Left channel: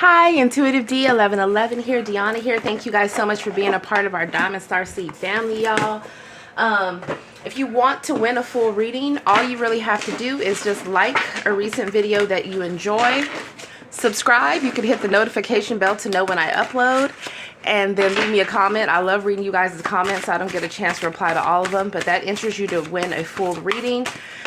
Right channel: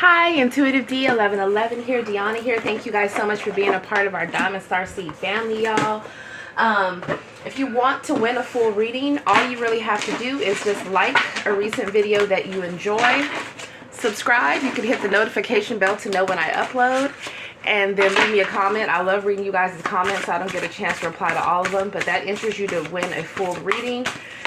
Hi, Intuitive D 1111 here, Dionna here. Thank you guys so much for being a part of our Diamond Star Seed family, y'all. If you want to win a full reading, all you really have to do is just like a recent video that you enjoy, subscribe. You can hit the notification bell to know when I upload, and then leave me a comment. I love reading you guys' comments. I don't get a chance to reply to all of them, but that enters you to win a full reading.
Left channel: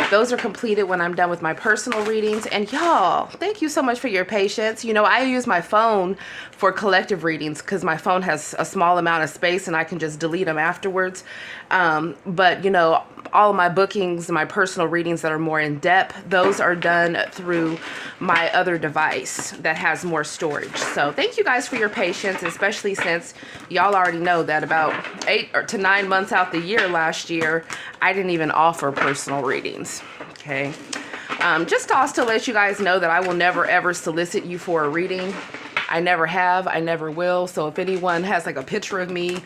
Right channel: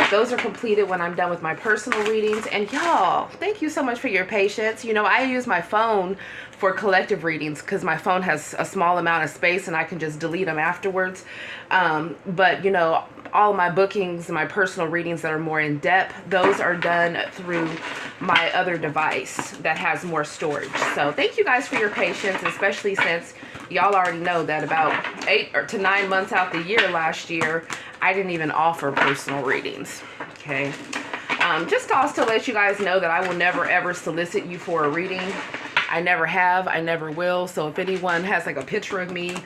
Those are completed when I'm done with my personal readings. And y'all, thank you so much for your patience. You know, I use my phone for collective readings because my phone has a small amount of space and I can just delete them afterwards. But, you know, all of my bookings, my personal readings that are more in depth, those are done through my other device that has more storage. So thank you guys for your patience, especially since y'all already know that about 8 to 9 months out the year last year, I didn't even offer personal readings. Okay. Just to also let you guys know that I will never ever solicit you for a reading. I never have, I never will. So if anyone has like a picture of me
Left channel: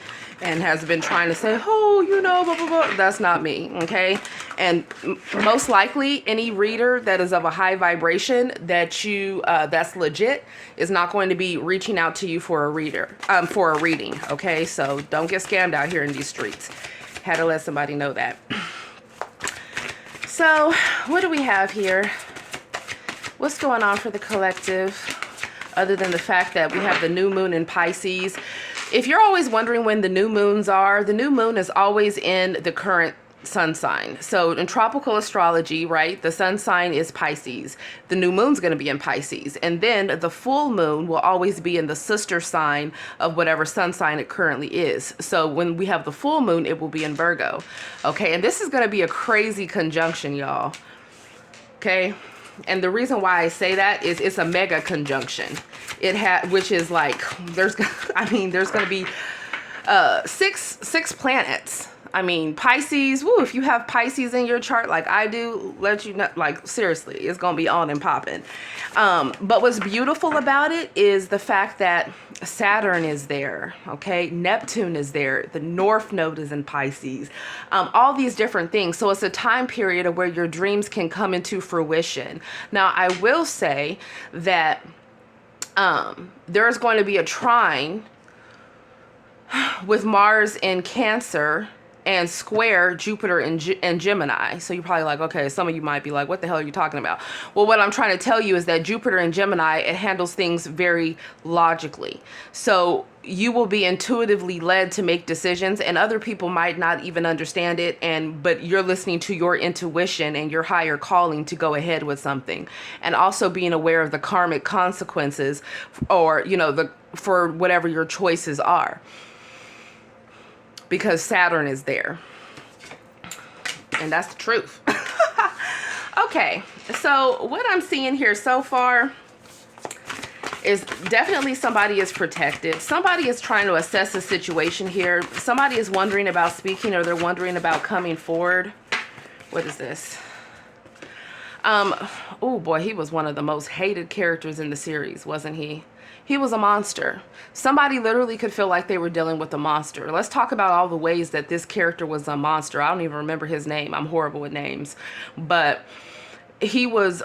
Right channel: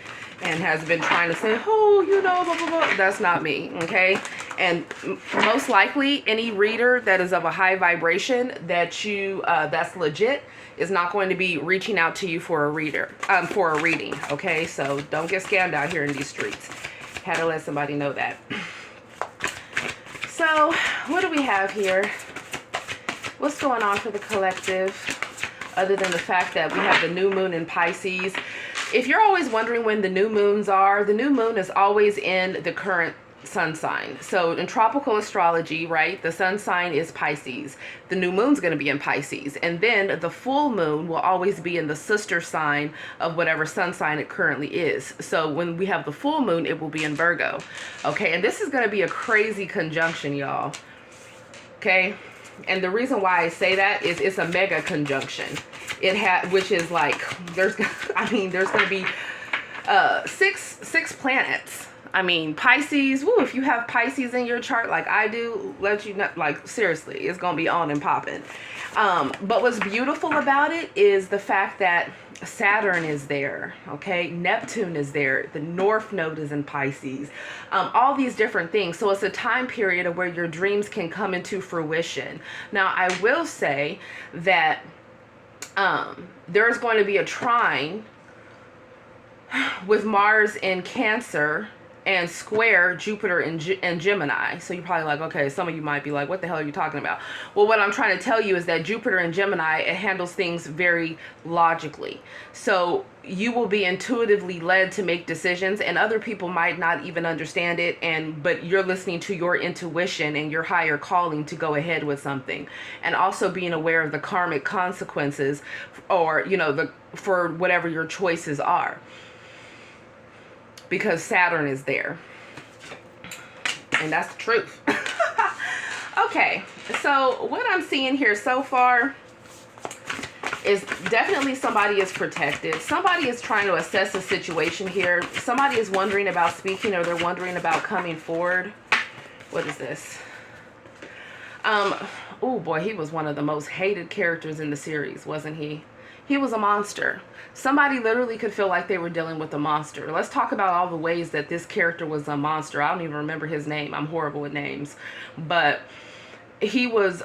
and has been trying to say, oh, you know, blah, blah, blah, that's not me, okay? And most likely any reader that is of a high vibration that you, that's legit, is not going to be reaching out to you for a reading, okay? So don't get scammed out here in these streets. Had to let somebody know that. So what do we have here? What's going on for the collective? Other than the fact that we have the new moon in Pisces. If you're always wondering when the new moons are, the new moon is always in the current sun sign. So in tropical astrology, right, the sun sign is Pisces. The new moon's going to be in Pisces. And then the full moon will always be in the sister sign of whatever sun sign it currently is. So when we have the full moon, it will be in Virgo. Okay, and this is going to be a crazy conjunction, y'all. Okay. And the reason why I say that is it's a mega conjunction. Which is like, there's going to be six planets. I mean, Pisces, woo, if you have Pisces in your chart like I do, let you know, like, seriously, it's going to be on and popping. But what's beautiful about it is the fact that Saturn is there, okay? Neptune is there. The North Node is in Pisces. All these different things. So it's a time period of where your dreams can come into fruition. Now, I will say that there's going to be a trine with Mars in Cancer and square Jupiter and Gemini. So you're probably like, okay, some of you might be like, what the hell are you talking about? Well, what I'm trying to tell you is that Jupiter and Gemini, it handles things very logically. So you will be intuitively led to make decisions, and other people might not even understand it, but you're listening to your intuition and your higher calling to go ahead with something. And also being aware of the karmic consequences, or, you know, for whatever your choices are, because Saturn is there. And that's the truth. Okay, so what I'm seeing here so far is definitely somebody is protected. Somebody is trying to assess the situation here. Somebody is wondering about speaking, or they're wondering about coming forward. What is this? Oh boy, he was one of the most hated characters in the series, wasn't he? He was a monster. Somebody literally could feel like they were dealing with a monster. Let's talk about all the ways that this character was a monster. I don't even remember his name. I'm horrible with names. But he was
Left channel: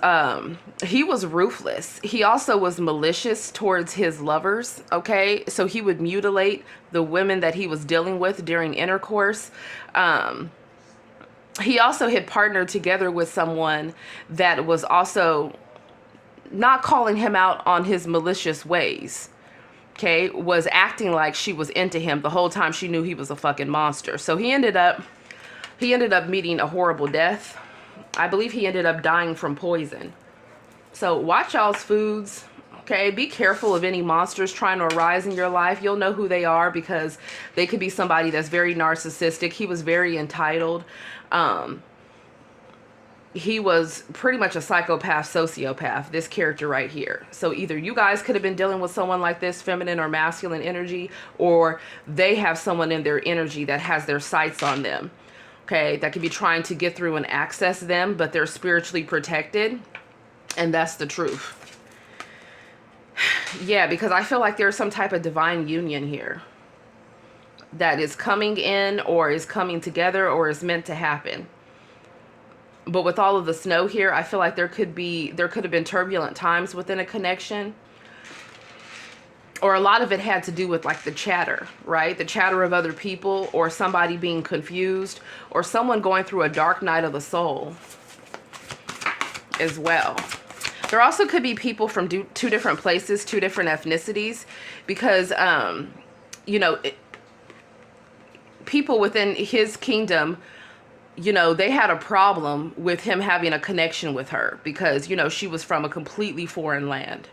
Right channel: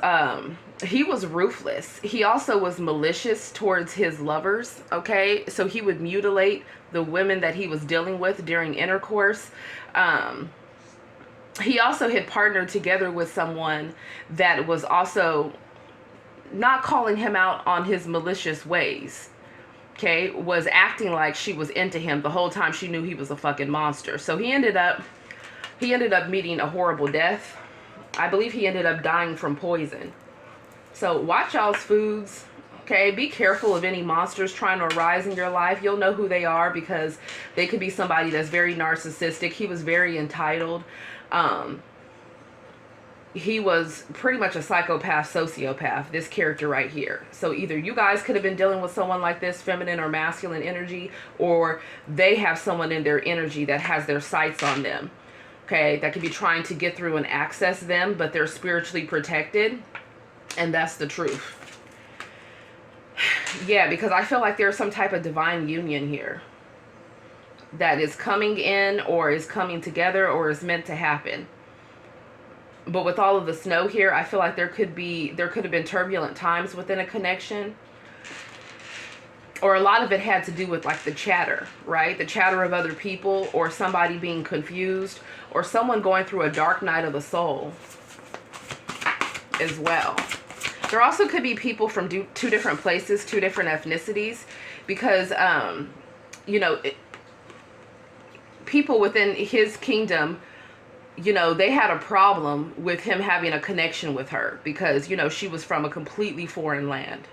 ruthless. He also was malicious towards his lovers, okay? So he would mutilate the women that he was dealing with during intercourse. He also had partnered together with someone that was also not calling him out on his malicious ways, okay, was acting like she was into him the whole time she knew he was a fucking monster. So he ended up meeting a horrible death. I believe he ended up dying from poison. So watch y'all's foods, okay? Be careful of any monsters trying to arise in your life. You'll know who they are, because they could be somebody that's very narcissistic. He was very entitled. He was pretty much a psychopath, sociopath, this character right here. So either you guys could have been dealing with someone like this, feminine or masculine energy, or they have someone in their energy that has their sights on them, okay, that could be trying to get through and access them, but they're spiritually protected, and that's the truth. Yeah, because I feel like there's some type of divine union here that is coming in, or is coming together, or is meant to happen. But with all of the snow here, I feel like there could have been turbulent times within a connection. or a lot of it had to do with like the chatter, right? The chatter of other people, or somebody being confused, or someone going through a dark night of the soul as well. There also could be people from two different places, two different ethnicities, because, you know, people within his kingdom, you know, they had a problem with him having a connection with her because, you know, she was from a completely foreign land.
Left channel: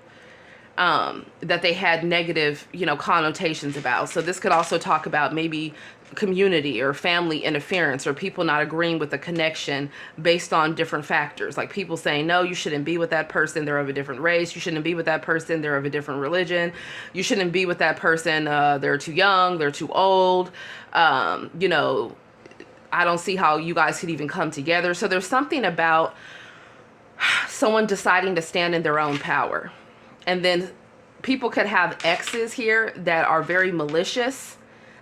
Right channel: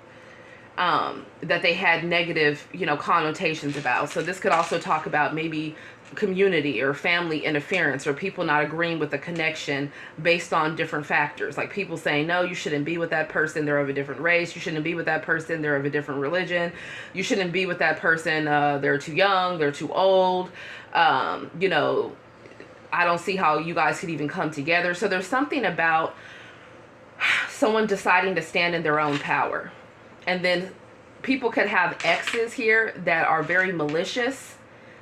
That they had negative, you know, connotations about. So this could also talk about maybe community or family interference, or people not agreeing with the connection based on different factors. Like people saying, no, you shouldn't be with that person, they're of a different race. You shouldn't be with that person, they're of a different religion. You shouldn't be with that person, they're too young, they're too old. You know, I don't see how you guys could even come together. So there's something about someone deciding to stand in their own power. And then people could have exes here that are very malicious,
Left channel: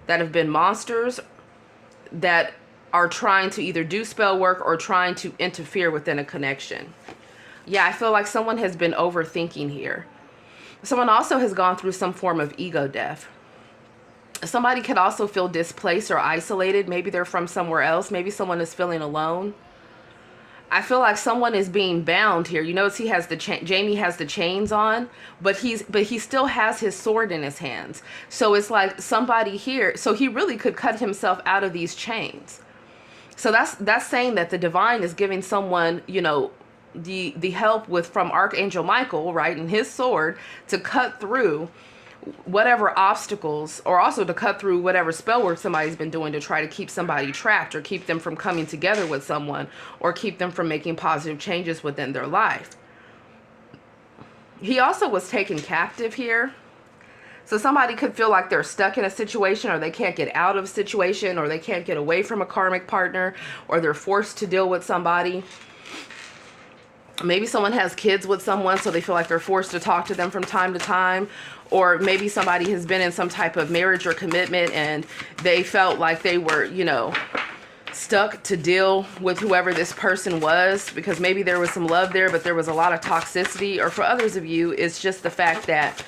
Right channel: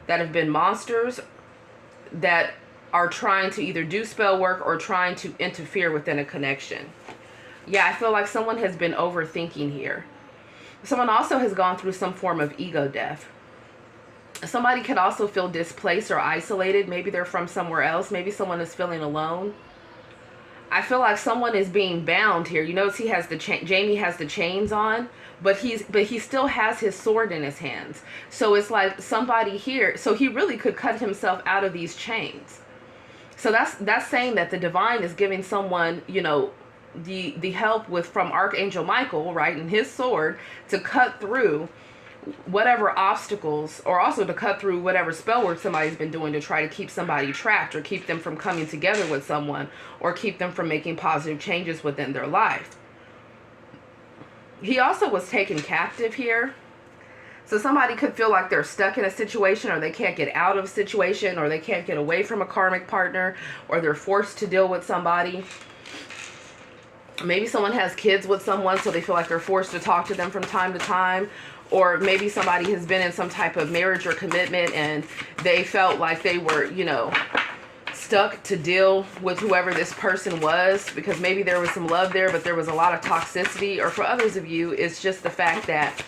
that have been monsters, that are trying to either do spell work or trying to interfere within a connection. Yeah, I feel like someone has been overthinking here. Someone also has gone through some form of ego death. Somebody could also feel displaced or isolated. Maybe they're from somewhere else. Maybe someone is feeling alone. I feel like someone is being bound here. You notice he has the Jamie has the chains on, but he still has his sword in his hands. So it's like somebody here. So he really could cut himself out of these chains. So that's saying that the divine is giving someone, you know, the help from Archangel Michael, right, and his sword to cut through whatever obstacles, or also to cut through whatever spell work somebody's been doing to try to keep somebody trapped, or keep them from coming together with someone, or keep them from making positive changes within their life. He also was taken captive here. So somebody could feel like they're stuck in a situation, or they can't get out of a situation, or they can't get away from a karmic partner, or they're forced to deal with somebody. Maybe someone has kids with someone, so they feel like they're forced to talk to them from time to time. Or maybe somebody has been in some type of marriage or commitment and they felt like they were, you know, stuck to deal with whoever this person was, because maybe there was some love there, but there was a lot of toxicity. Or for others of you, it's just the fact that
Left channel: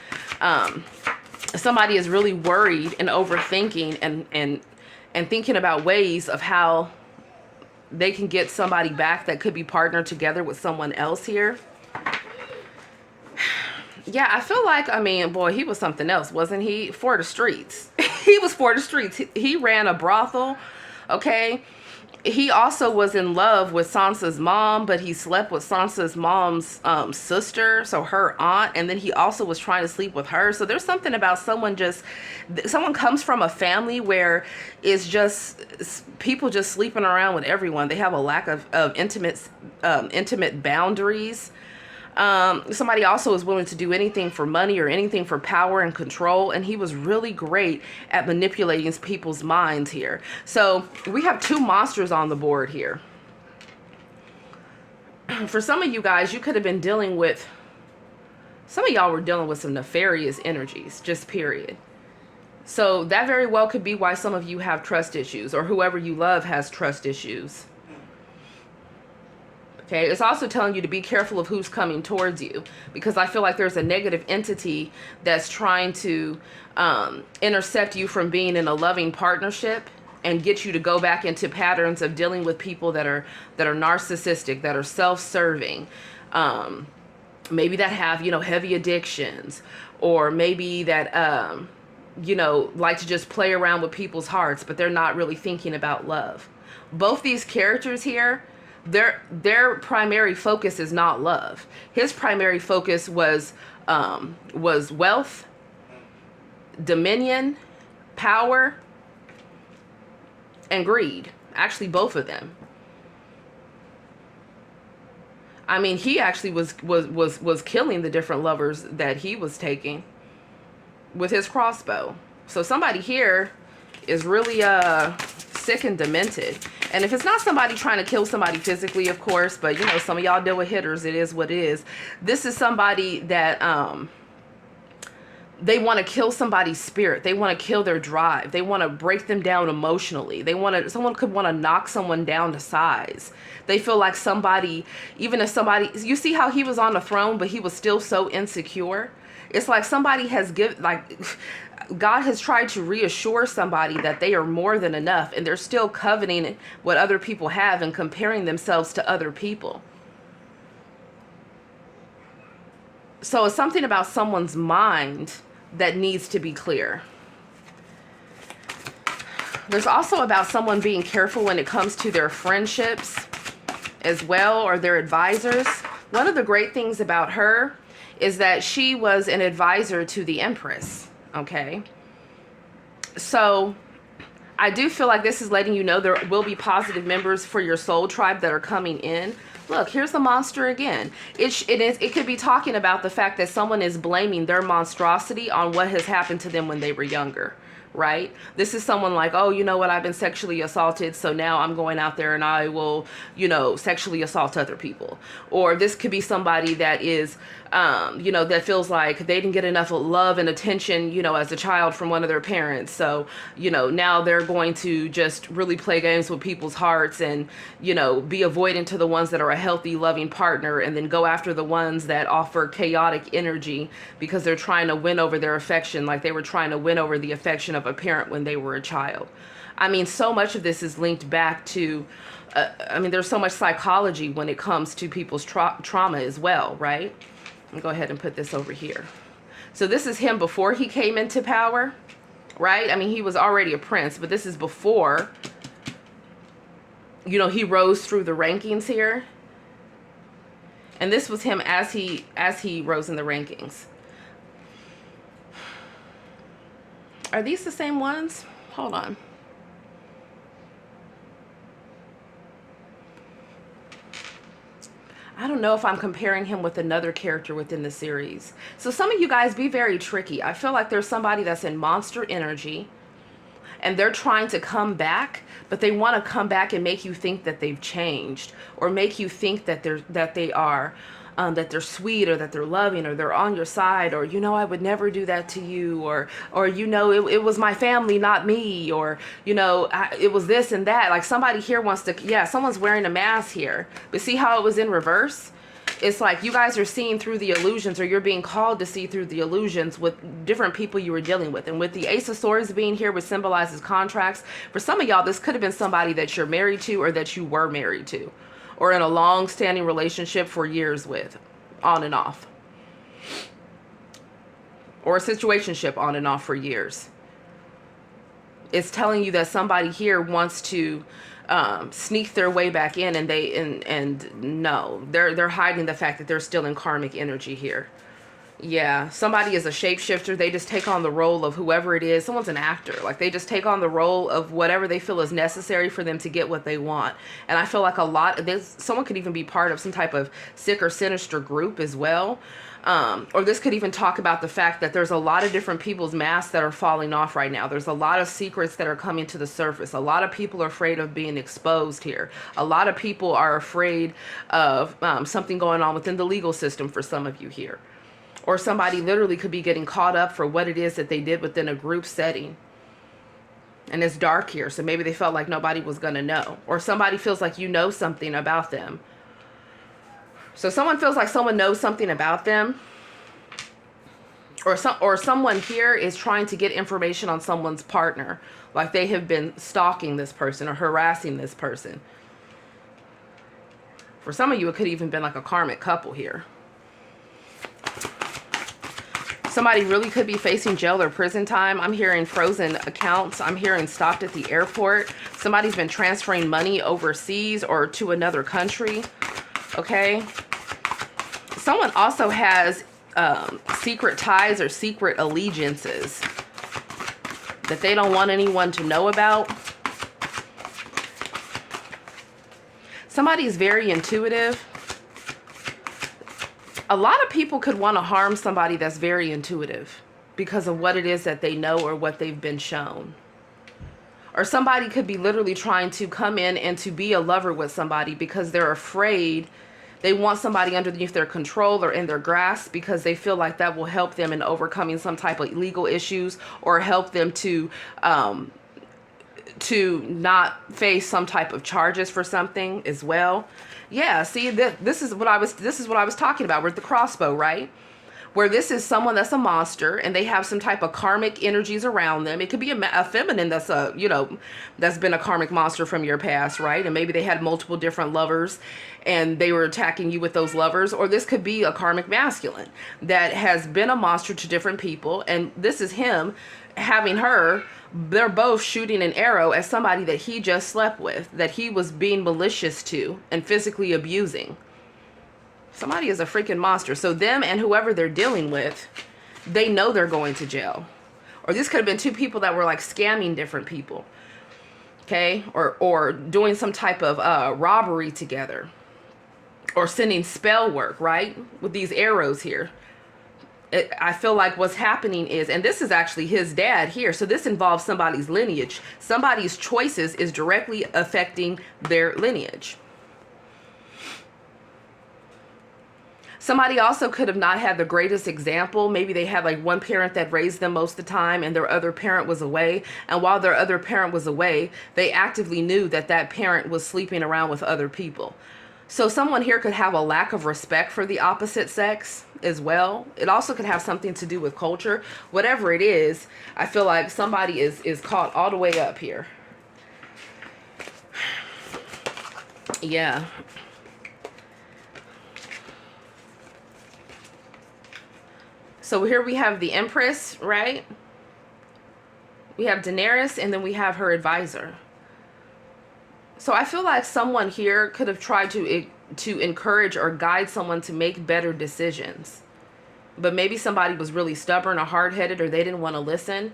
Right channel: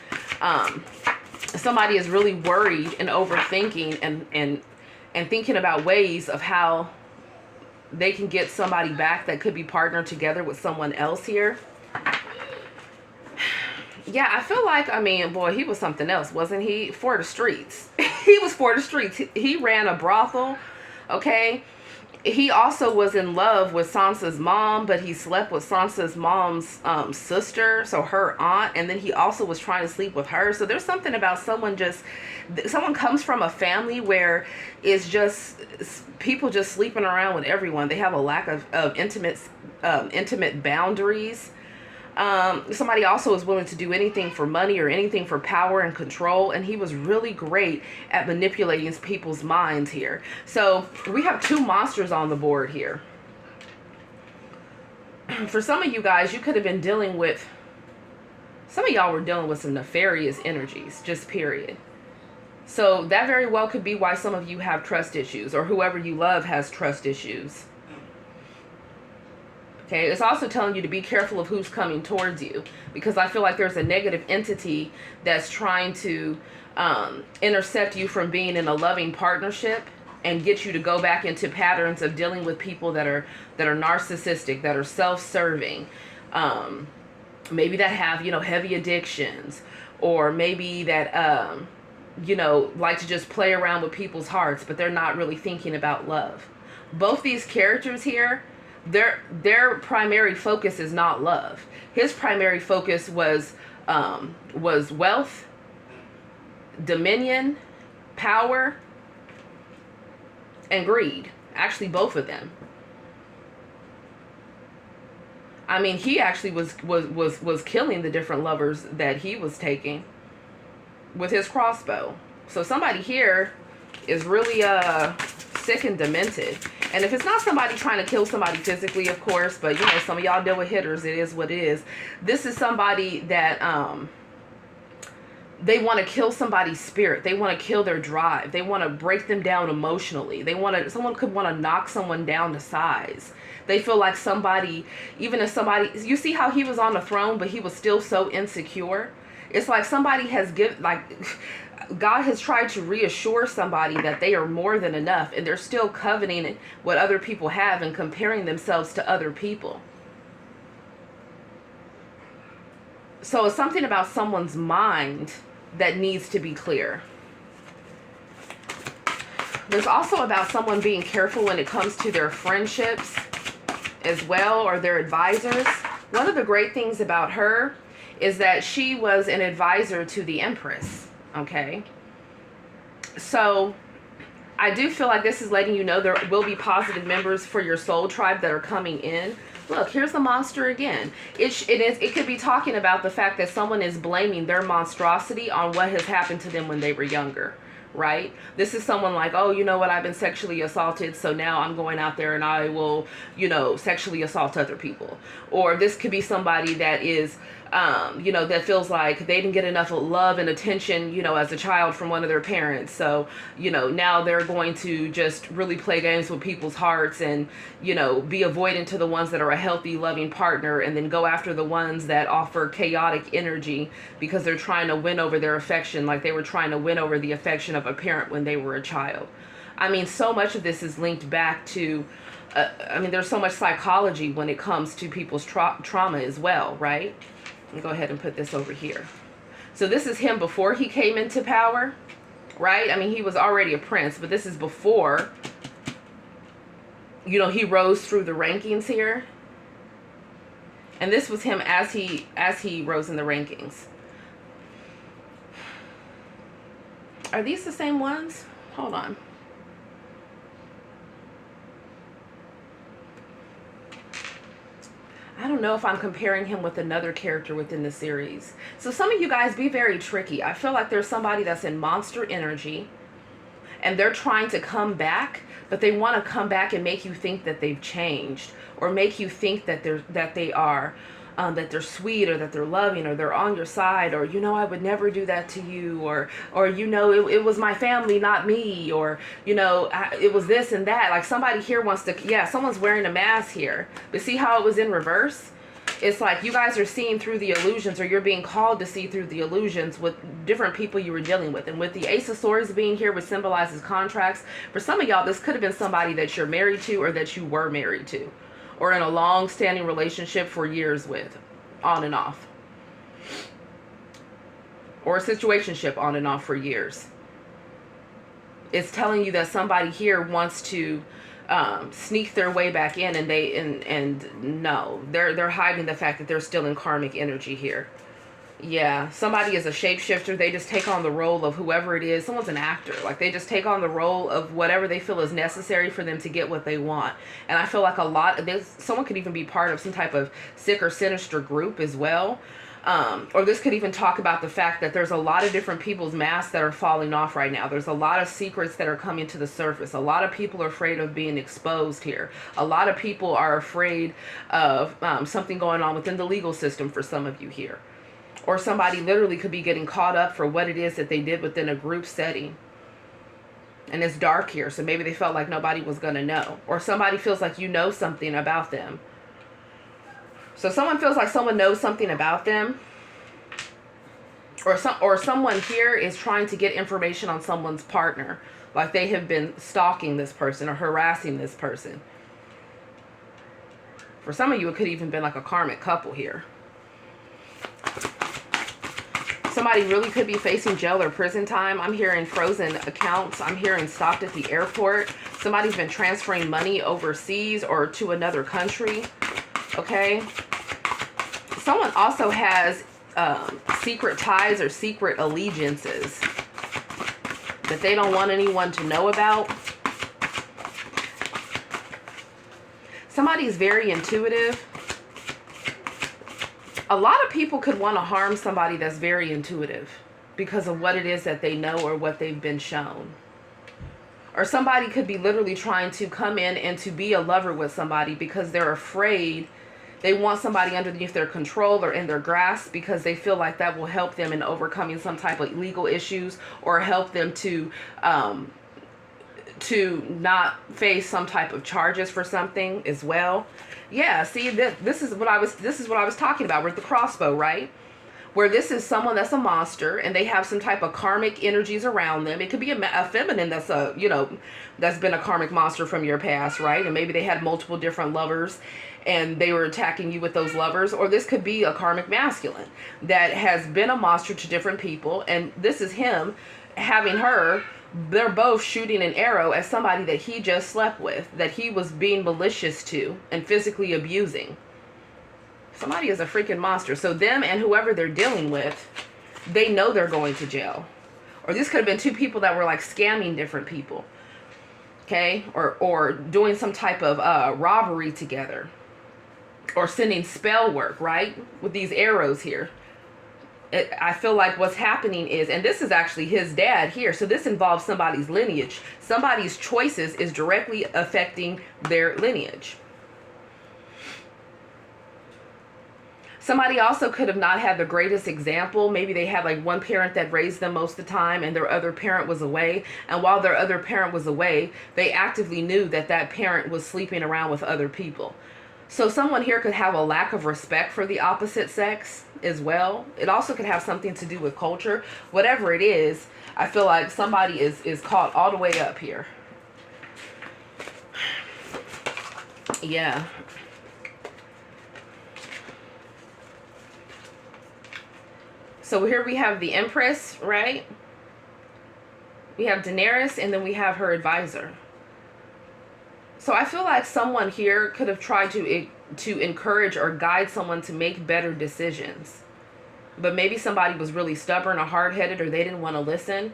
somebody is really worried and overthinking and thinking about ways of how they can get somebody back that could be partnered together with someone else here. Yeah, I feel like, I mean, boy, he was something else, wasn't he? For the streets. He was for the streets. He ran a brothel, okay? He also was in love with Sansa's mom, but he slept with Sansa's mom's sister, so her aunt, and then he also was trying to sleep with her. So there's something about someone comes from a family where it's just people just sleeping around with everyone. They have a lack of intimate boundaries. Somebody also is willing to do anything for money or anything for power and control. And he was really great at manipulating people's minds here. So we have two monsters on the board here. For some of you guys, you could have been dealing with, some of y'all were dealing with some nefarious energies, just period. So that very well could be why some of you have trust issues, or whoever you love has trust issues. Okay, it's also telling you to be careful of who's coming towards you, because I feel like there's a negative entity that's trying to intercept you from being in a loving partnership and get you to go back into patterns of dealing with people that are narcissistic, that are self-serving, maybe that have, you know, heavy addictions, or maybe that you know, like to just play around with people's hearts, but they're not really thinking about love. Both these characters here, their primary focus is not love. His primary focus was wealth, dominion, power, and greed. Actually, both of them. I mean, he actually was killing the different lovers that he was taking with his crossbow. So somebody here is really sick and demented. And if it's not somebody trying to kill somebody physically, of course, but you know, some of y'all deal with hitters, it is what it is. This is somebody that they want to kill somebody's spirit. They want to kill their drive. They want to break them down emotionally. Someone could want to knock someone down to size. They feel like somebody, even if somebody, you see how he was on the throne, but he was still so insecure. It's like somebody has God has tried to reassure somebody that they are more than enough, and they're still coveting what other people have and comparing themselves to other people. So it's something about someone's mind that needs to be clear. There's also about someone being careful when it comes to their friendships as well, or their advisors. One of the great things about her is that she was an advisor to the Empress, okay? So I do feel like this is letting you know there will be positive members for your soul tribe that are coming in. Look, here's the monster again. It could be talking about the fact that someone is blaming their monstrosity on what has happened to them when they were younger, right? This is someone like, oh, you know what, I've been sexually assaulted, so now I'm going out there and I will, sexually assault other people. Or this could be somebody that is, that feels like they didn't get enough love and attention, as a child from one of their parents. So, now they're going to just really play games with people's hearts and, be avoidant to the ones that are a healthy, loving partner, and then go after the ones that offer chaotic energy because they're trying to win over their affection, like they were trying to win over the affection of a parent when they were a child. I mean, so much of this is linked back to, there's so much psychology when it comes to people's trauma as well, right? Let me go ahead and put this over here. So this is him before he came into power, right? I mean, he was already a prince, but this is before, he rose through the rankings here. And this was him as he rose in the rankings. Are these the same ones? Hold on. I don't know if I'm comparing him with another character within the series. So some of you guys, be very tricky. I feel like there's somebody that's in monster energy and they're trying to come back, but they want to come back and make you think that they've changed, or make you think that that they're sweet, or that they're loving, or they're on your side, or, I would never do that to you, or it was my family, not me, or, it was this and that. Like somebody here wants to, someone's wearing a mask here, but see how it was in reverse? It's like you guys are seeing through the illusions, or you're being called to see through the illusions with different people you were dealing with. And with the Ace of Swords being here, which symbolizes contracts, for some of y'all, this could have been somebody that you're married to, or that you were married to, or in a long-standing relationship for years with, on and off. Or a situationship on and off for years. It's telling you that somebody here wants to sneak their way back in, and no, they're hiding the fact that they're still in karmic energy here. Yeah, somebody is a shapeshifter. They just take on the role of whoever it is. Someone's an actor. Like, they just take on the role of whatever they feel is necessary for them to get what they want. And I feel like someone could even be part of some type of sick or sinister group as well. Or this could even talk about the fact that there's a lot of different people's masks that are falling off right now. There's a lot of secrets that are coming to the surface. A lot of people are afraid of being exposed here. A lot of people are afraid of something going on within the legal system for some of you here. Or somebody literally could be getting caught up for what it is that they did within a group setting. And it's dark here, so maybe they felt like nobody was going to know. Or somebody feels like you know something about them. So someone feels like someone knows something about them. Or someone here is trying to get information on someone's partner. Like they have been stalking this person or harassing this person. For some of you, it could even been like a karmic couple here. Somebody really could be facing jail or prison time. I'm hearing frozen accounts. I'm hearing stopped at the airport. Somebody's been transferring money overseas or to another country. Okay. Someone also has secret ties or secret allegiances that they don't want anyone to know about. Somebody's very intuitive. A lot of people could want to harm somebody that's very intuitive because of what it is that they know or what they've been shown. Or somebody could be literally trying to come in and to be a lover with somebody because they're afraid. They want somebody underneath their control or in their grasp because they feel like that will help them in overcoming some type of legal issues or help them to not face some type of charges for something as well. Yeah, see, this is what I was talking about with the crossbow, right? where this is someone that's a monster and they have some type of karmic energies around them. It could be a feminine that's a, you know, that's been a karmic monster from your past, right? And maybe they had multiple different lovers and they were attacking you with those lovers. Or this could be a karmic masculine that has been a monster to different people, and this is him having her. They're both shooting an arrow at somebody that he just slept with, that he was being malicious to and physically abusing. Somebody is a freaking monster. So them and whoever they're dealing with, they know they're going to jail. Or this could have been two people that were like scamming different people. Okay? Or doing some type of robbery together. Or sending spell work, right? With these arrows here. I feel like what's happening is, and this is actually his dad here, so this involves somebody's lineage. Somebody's choices is directly affecting their lineage. Somebody also could have not had the greatest example. Maybe they had like one parent that raised them most of the time and their other parent was away. And while their other parent was away, they actively knew that that parent was sleeping around with other people. So someone here could have a lack of respect for the opposite sex as well. It also could have something to do with culture. Whatever it is, I feel like somebody is caught all the way up here. Yeah. So here we have the Empress, right? We have Daenerys, and then we have her advisor. So I feel like someone here could have tried to encourage or guide someone to make better decisions. But maybe somebody was really stubborn or hard-headed, or they didn't want to listen.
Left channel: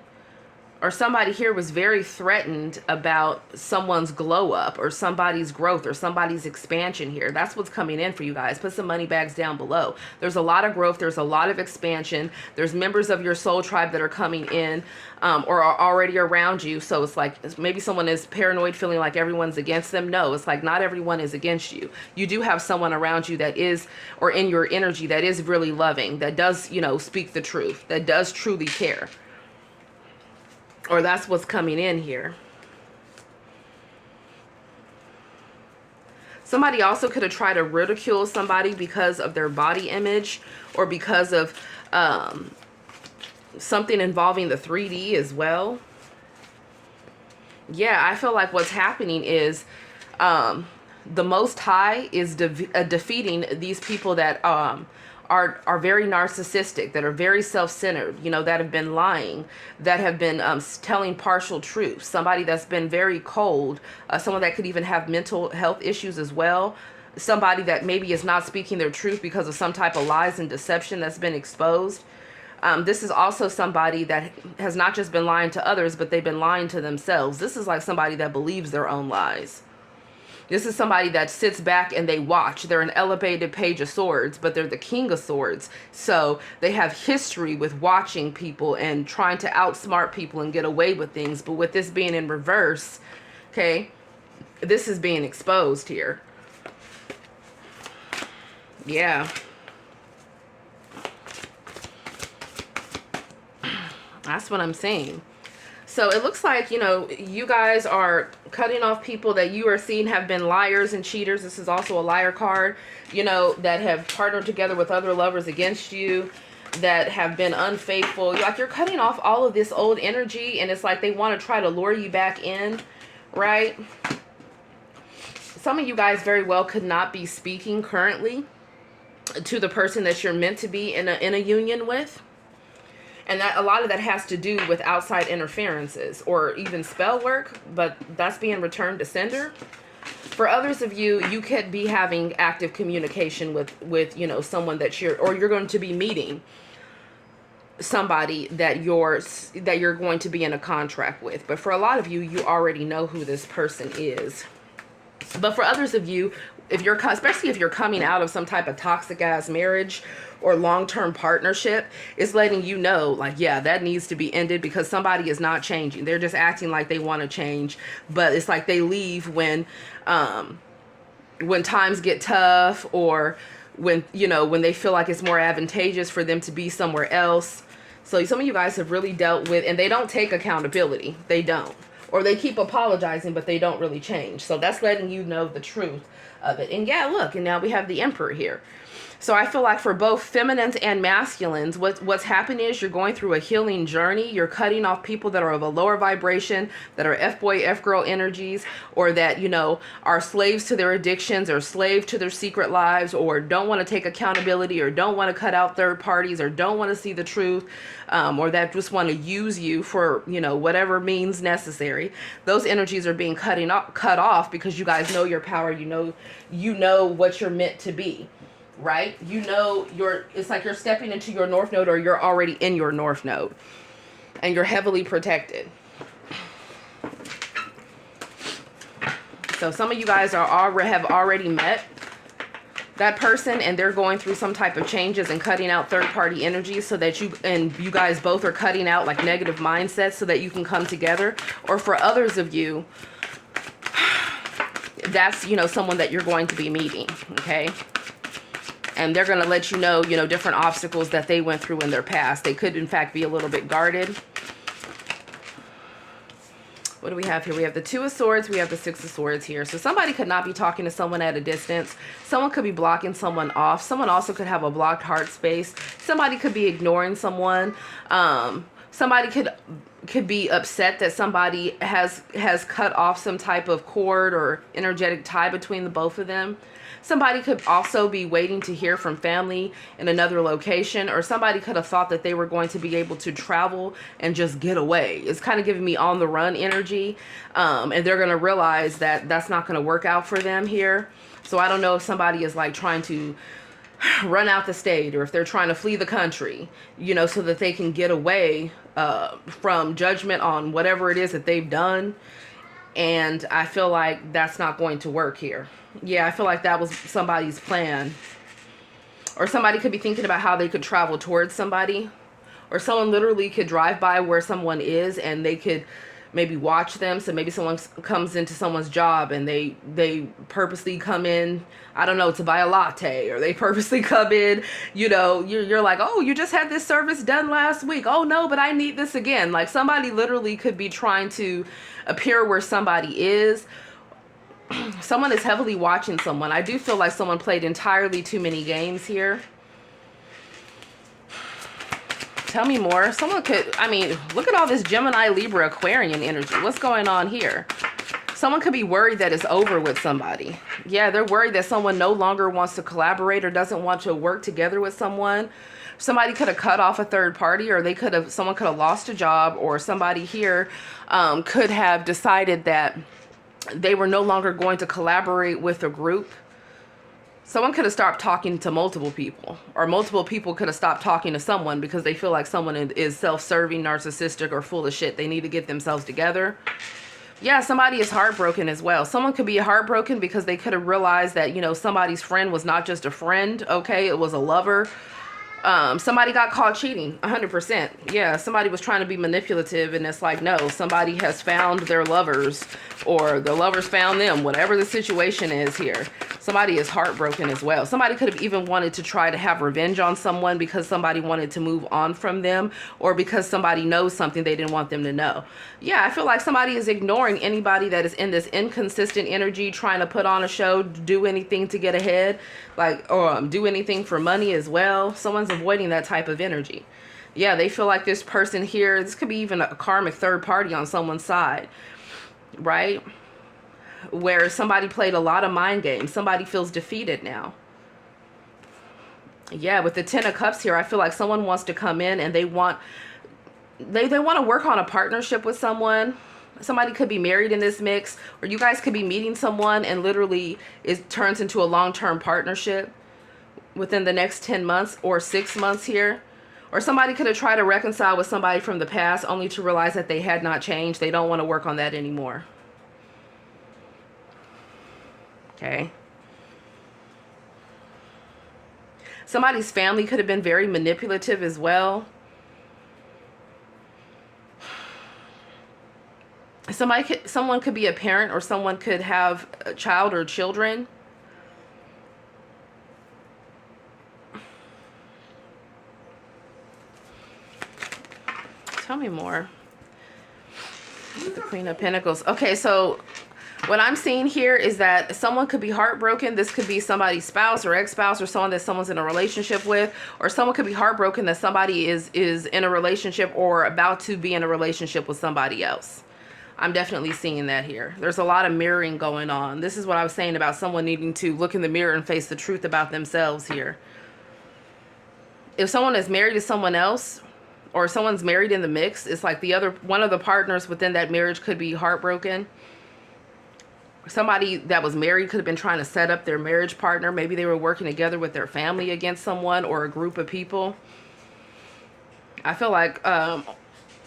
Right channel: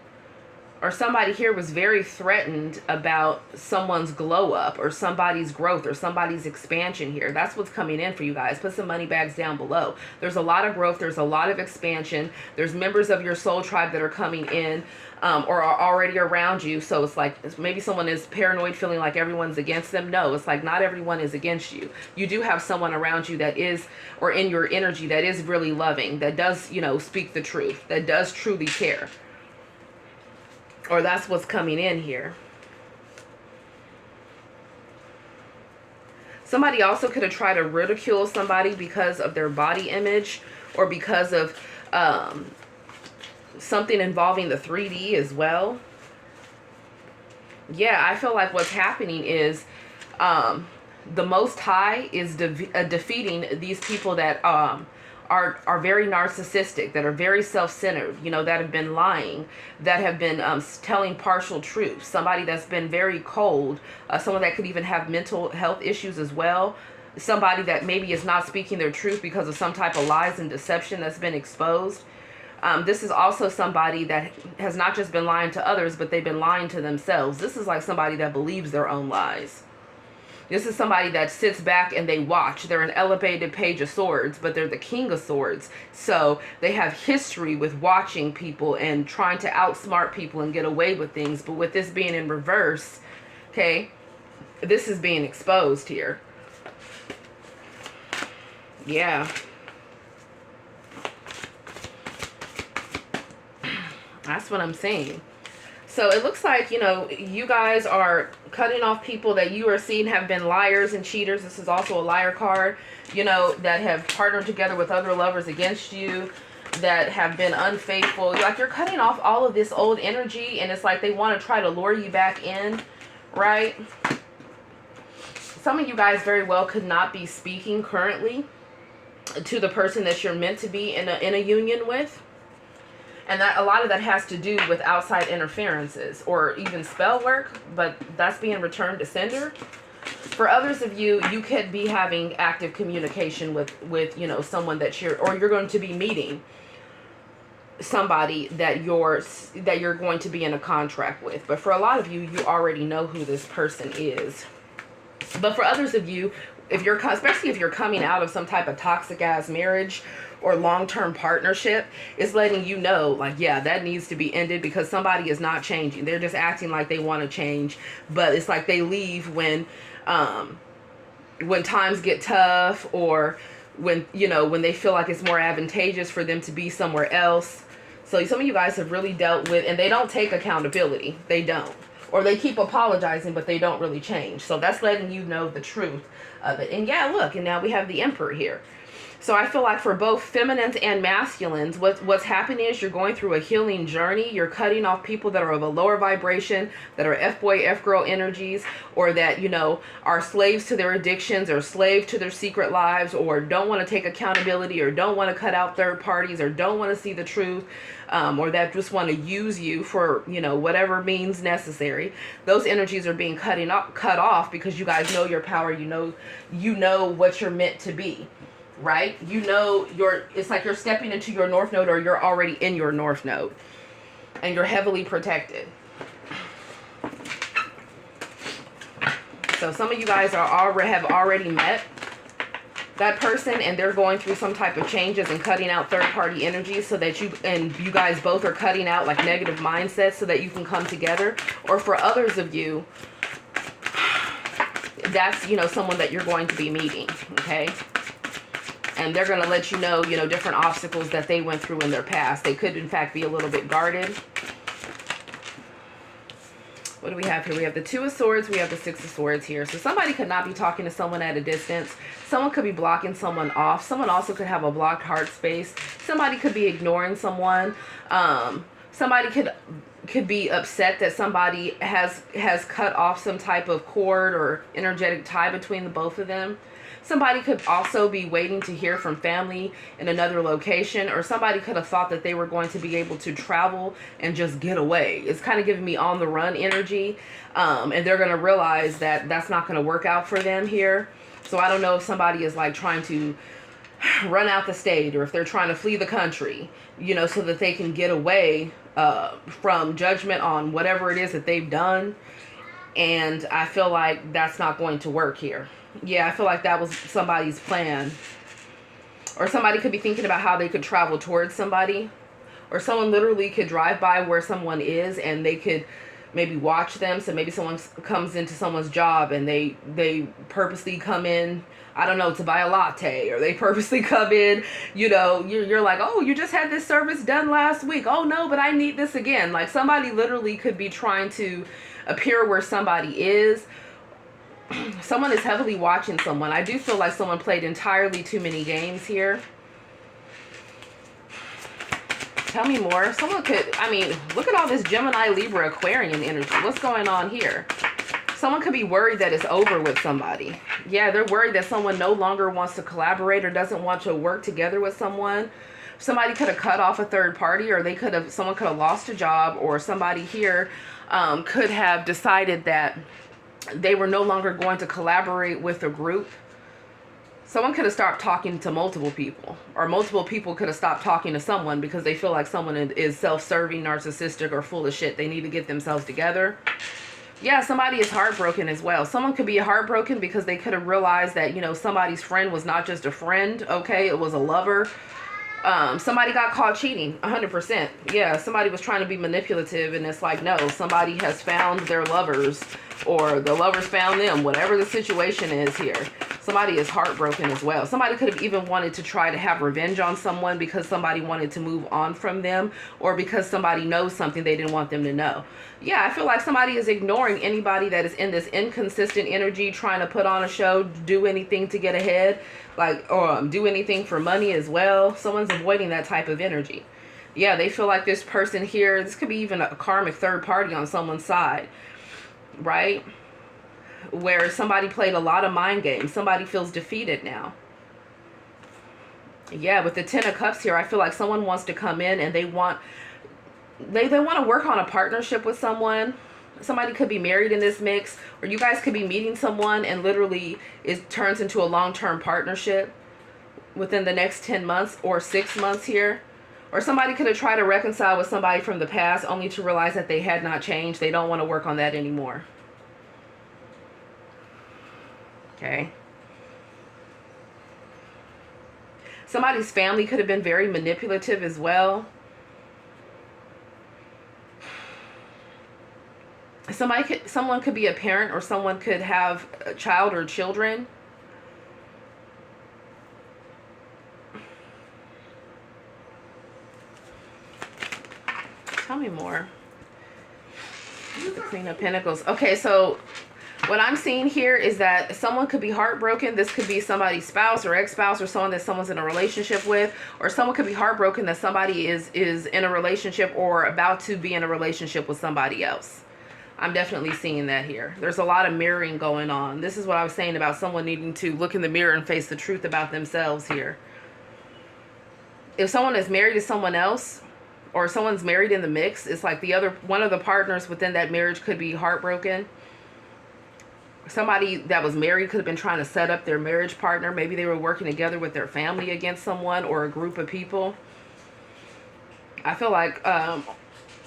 Or somebody here was very threatened about someone's glow up or somebody's growth or somebody's expansion here. That's what's coming in for you guys. Put some money bags down below. There's a lot of growth. There's a lot of expansion. There's members of your soul tribe that are coming in or are already around you. So it's like maybe someone is paranoid, feeling like everyone's against them. No, it's like not everyone is against you. You do have someone around you that is, or in your energy, that is really loving, that does, you know, speak the truth, that does truly care. Or that's what's coming in here. Somebody also could have tried to ridicule somebody because of their body image or because of something involving the 3D as well. Yeah, I feel like what's happening is the Most High is defeating these people that are very narcissistic, that are very self-centered, you know, that have been lying, that have been telling partial truths, somebody that's been very cold, someone that could even have mental health issues as well, somebody that maybe is not speaking their truth because of some type of lies and deception that's been exposed. This is also somebody that has not just been lying to others, but they've been lying to themselves. This is like somebody that believes their own lies. This is somebody that sits back and they watch. They're an elevated page of swords, but they're the king of swords. So they have history with watching people and trying to outsmart people and get away with things. But with this being in reverse, okay, this is being exposed here. Yeah. That's what I'm saying. So it looks like, you know, you guys are cutting off people that you are seeing have been liars and cheaters. This is also a liar card, you know, that have partnered together with other lovers against you, that have been unfaithful. Like you're cutting off all of this old energy, and it's like they want to try to lure you back in, right? Some of you guys very well could not be speaking currently to the person that you're meant to be in a union with. And that a lot of that has to do with outside interferences or even spell work, but that's being returned to sender. For others of you, you could be having active communication with you know, someone that you're going to be meeting somebody that you're going to be in a contract with. But for a lot of you, you already know who this person is. But for others of you, especially if you're coming out of some type of toxic ass marriage or long-term partnership, is letting you know, like, yeah, that needs to be ended because somebody is not changing. They're just acting like they want to change, but it's like they leave when times get tough, or when, you know, when they feel like it's more advantageous for them to be somewhere else. So some of you guys have really dealt with, and they don't take accountability. They don't. Or they keep apologizing, but they don't really change. So that's letting you know the truth of it. And yeah, look, and now we have the Emperor here. So I feel like for both feminines and masculines, what's happening is you're going through a healing journey. You're cutting off people that are of a lower vibration, that are F-boy, F-girl energies, or that, you know, are slaves to their addictions, or slave to their secret lives, or don't want to take accountability, or don't want to cut out third parties, or don't want to see the truth, or that just want to use you for, you know, whatever means necessary. Those energies are being cut off because you guys know your power. You know what you're meant to be. Right? You know, it's like you're stepping into your North Node, or you're already in your North Node, and you're heavily protected. So some of you guys have already met that person, and they're going through some type of changes and cutting out third-party energies, so that you guys both are cutting out like negative mindsets so that you can come together. Or for others of you, that's, you know, someone that you're going to be meeting, okay? And they're going to let you know, different obstacles that they went through in their past. They could, in fact, be a little bit guarded. What do we have here? We have the Two of Swords. We have the Six of Swords here. So somebody could not be talking to someone at a distance. Someone could be blocking someone off. Someone also could have a blocked heart space. Somebody could be ignoring someone. Somebody could be upset that somebody has cut off some type of cord or energetic tie between the both of them. Somebody could also be waiting to hear from family in another location, or somebody could have thought that they were going to be able to travel and just get away. It's kind of giving me on the run energy, and they're going to realize that that's not going to work out for them here. So I don't know if somebody is like trying to run out the state, or if they're trying to flee the country, so that they can get away from judgment on whatever it is that they've done. And I feel like that's not going to work here. Yeah, I feel like that was somebody's plan. Or somebody could be thinking about how they could travel towards somebody. Or someone literally could drive by where someone is, and they could maybe watch them. So maybe someone comes into someone's job, and they purposely come in, I don't know, to buy a latte. Or they purposely come in, you're like, oh, you just had this service done last week. Oh, no, but I need this again. Like, somebody literally could be trying to appear where somebody is. Someone is heavily watching someone. I do feel like someone played entirely too many games here. Tell me more. Someone could, look at all this Gemini, Libra, Aquarian energy. What's going on here? Someone could be worried that it's over with somebody. Yeah, they're worried that someone no longer wants to collaborate or doesn't want to work together with someone. Somebody could have cut off a third party, or someone could have lost a job, or somebody here could have decided that they were no longer going to collaborate with a group. Someone could have stopped talking to multiple people, or multiple people could have stopped talking to someone because they feel like someone is self-serving, narcissistic, or full of shit. They need to get themselves together. Yeah, somebody is heartbroken as well. Someone could be heartbroken because they could have realized that, somebody's friend was not just a friend, okay? It was a lover. Somebody got caught cheating, 100%. Yeah, somebody was trying to be manipulative, and it's like, no, somebody has found their lovers, or the lovers found them, whatever the situation is here. Somebody is heartbroken as well. Somebody could have even wanted to try to have revenge on someone because somebody wanted to move on from them, or because somebody knows something they didn't want them to know. Yeah, I feel like somebody is ignoring anybody that is in this inconsistent energy, trying to put on a show, do anything to get ahead, or do anything for money as well. Someone's avoiding that type of energy. Yeah, they feel like this person here, this could be even a karmic third party on someone's side, right? Where somebody played a lot of mind games. Somebody feels defeated now. Yeah, with the Ten of Cups here, I feel like someone wants to come in and they want to work on a partnership with someone. Somebody could be married in this mix, or you guys could be meeting someone and literally it turns into a long-term partnership within the next 10 months or 6 months here. Or somebody could have tried to reconcile with somebody from the past only to realize that they had not changed. They don't want to work on that anymore. Okay. Somebody's family could have been very manipulative as well. Someone could be a parent, or someone could have a child or children. Tell me more. The Queen of Pentacles. Okay, so What I'm seeing here is that someone could be heartbroken. This could be somebody's spouse or ex-spouse or someone that someone's in a relationship with, or someone could be heartbroken that somebody is in a relationship or about to be in a relationship with somebody else. I'm definitely seeing that here. There's a lot of mirroring going on. This is what I was saying about someone needing to look in the mirror and face the truth about themselves here. If someone is married to someone else, or someone's married in the mix, it's like one of the partners within that marriage could be heartbroken. Somebody that was married could have been trying to set up their marriage partner. Maybe they were working together with their family against someone or a group of people. I feel like,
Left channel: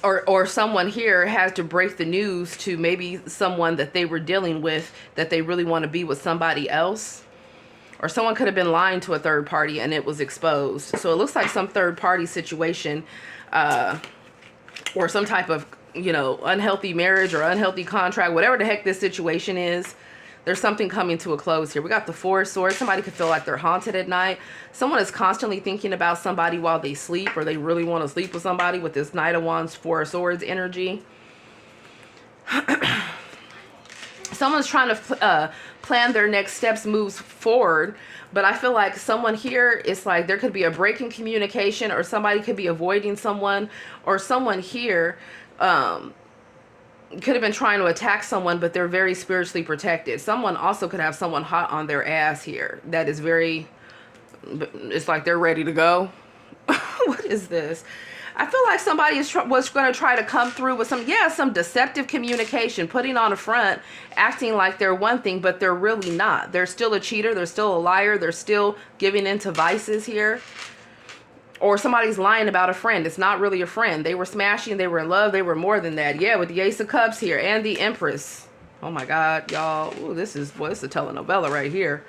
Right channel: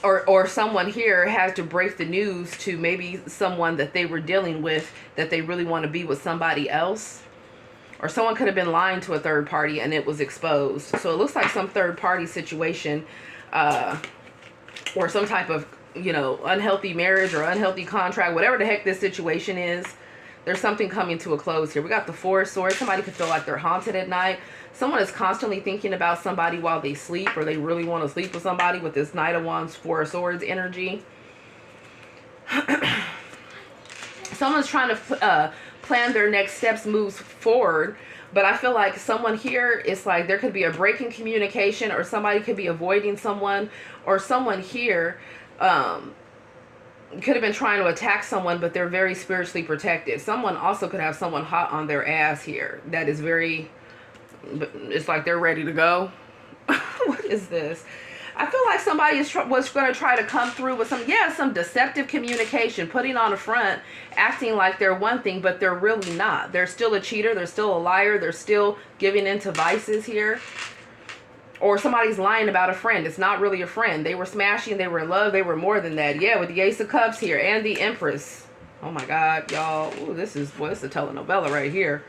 or someone here has to break the news to maybe someone that they were dealing with that they really want to be with somebody else. Or someone could have been lying to a third party and it was exposed. So it looks like some third party situation, or some type of, you know, unhealthy marriage or unhealthy contract, whatever the heck this situation is. There's something coming to a close here. We got the Four of Swords. Somebody could feel like they're haunted at night. Someone is constantly thinking about somebody while they sleep, or they really want to sleep with somebody with this Knight of Wands, Four of Swords energy. Someone's trying to plan their next steps, moves forward. But I feel like someone here, it's like there could be a break in communication, or somebody could be avoiding someone, or someone here could have been trying to attack someone, but they're very spiritually protected. Someone also could have someone hot on their ass here that is very, it's like they're ready to go. What is this? I feel like somebody was going to try to come through with some deceptive communication, putting on a front, acting like they're one thing, but they're really not. They're still a cheater. They're still a liar. They're still giving into vices here. Or somebody's lying about a friend. It's not really a friend. They were smashing. They were in love. They were more than that. Yeah, with the Ace of Cups here and the Empress. Oh my God, y'all. Ooh, this is a telenovela right here.